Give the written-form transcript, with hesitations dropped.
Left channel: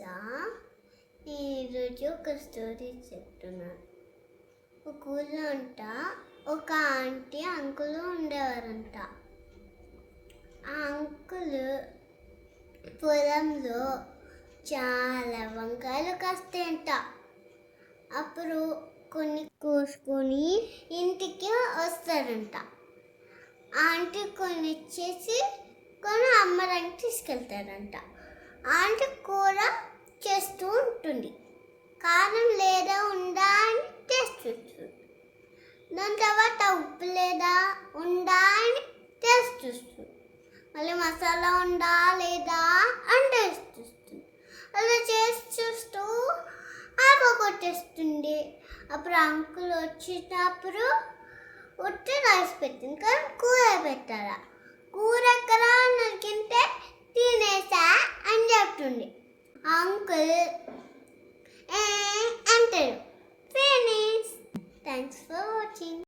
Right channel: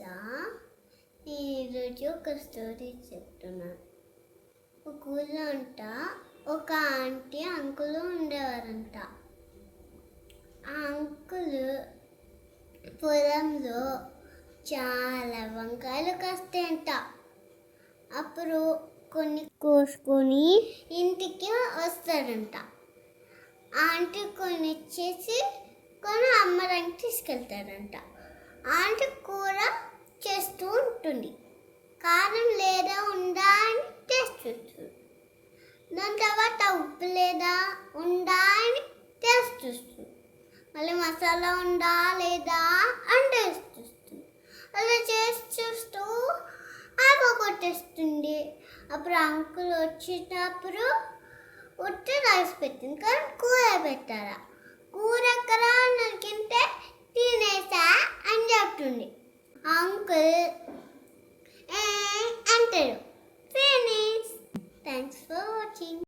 తెలుసా? ఈరోజు ఒక స్టోరీ చెప్తున్నాను. ఒక ఊళ్ళో ఒక ఆంటీ అంకుల్ ఉండేవారంట. ఆ అంకుల్ పొలంలో చాలా వంకాయలు కాస్తాయంట. అప్పుడు కొన్ని కోసుకొని ఇంటికి వస్తాడంట. ఆంటీ కొన్ని ఇచ్చేసి కొన్ని అమ్మడానికి తీసుకెళ్తాడంట. ఆంటీ కూర చేస్తూ ఉంటుంది. కారం లేదా ఉందా అని టేస్ట్ చూస్తుంది. దాని తర్వాత ఉప్పు లేదా ఉందా అని టేస్ట్ చూస్తుంది. మళ్ళీ మసాలా ఉందా లేదా అని టేస్ట్ చూస్తుంది. అలా చేసి చూస్తూ కొట్టేస్తుంది. అప్పుడు అంకుల్ వచ్చినప్పుడు ఉట్టి రైస్ పెట్టింది, కానీ కూర పెట్టారా? కూర ఎక్కడ నరికింటే తినేసా అని చెప్తుంది. అంకుల్ అంటాడు. ఫినిష్. Thanks for watching.